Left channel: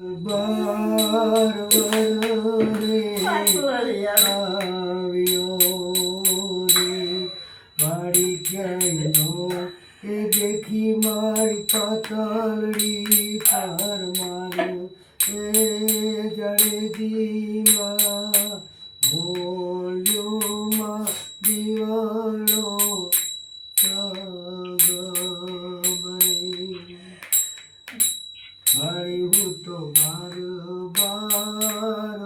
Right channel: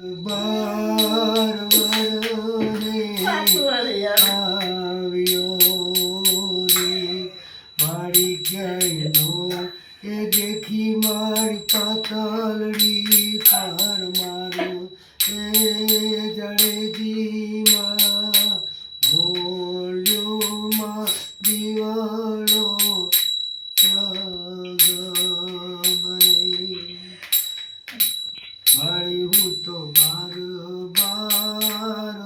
બાર વરસે આવ્યો રે મારી ક્યાંય નો એ દેખી મારી પાતળડી પર માર્યો એ જડેજીમાં ભોલ્યુમાં દીવડો મારી હું તો બાર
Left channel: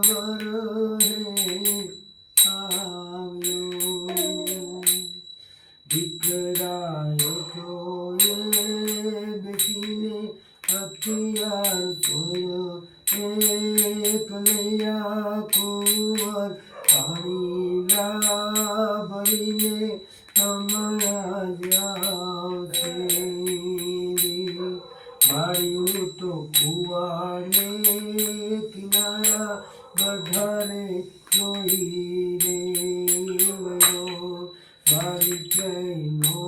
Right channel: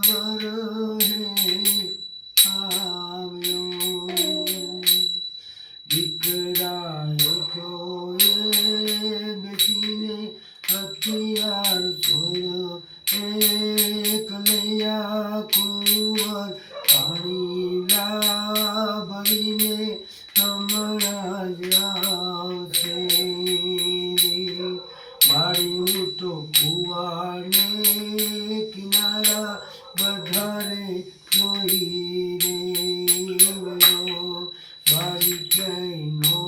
વરસે આવ્યો દીકરાએ તો એ બેસીને હથિયાર છોડ્યો એક લૈયા કુંવર પાણી ભરીને હમણાં જ આવશે મારી હું તો કુવાને કિનારા વધારે જોઈ રે મારી ક્યાંય નો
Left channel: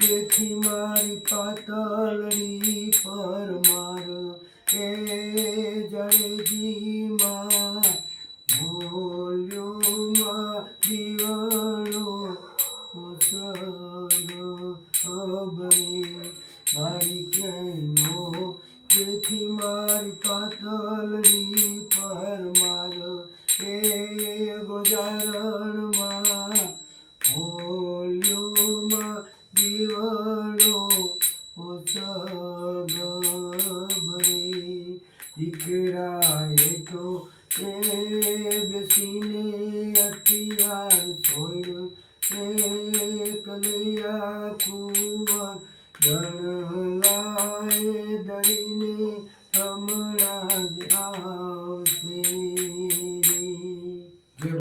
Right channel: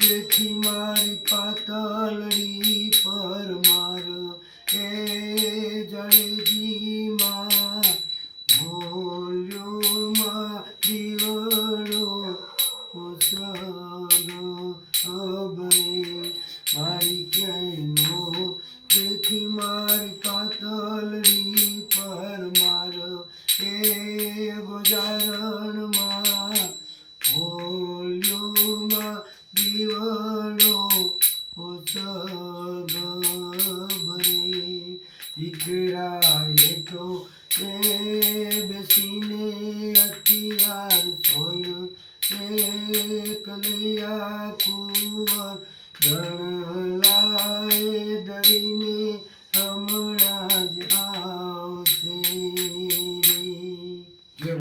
દેખી મારી પાતળડી પર માર એ જડેજીમાં ભોલ્યોમાં દીવડો મારી ક્યાંય નો દેખી મારી પાતળડી પર માર એ ગોજારણમાં ભોલ્યોમાં દીવડો દીકરાએ તો એ બેસીને હથિયાર છોડ્યો એક લૈયા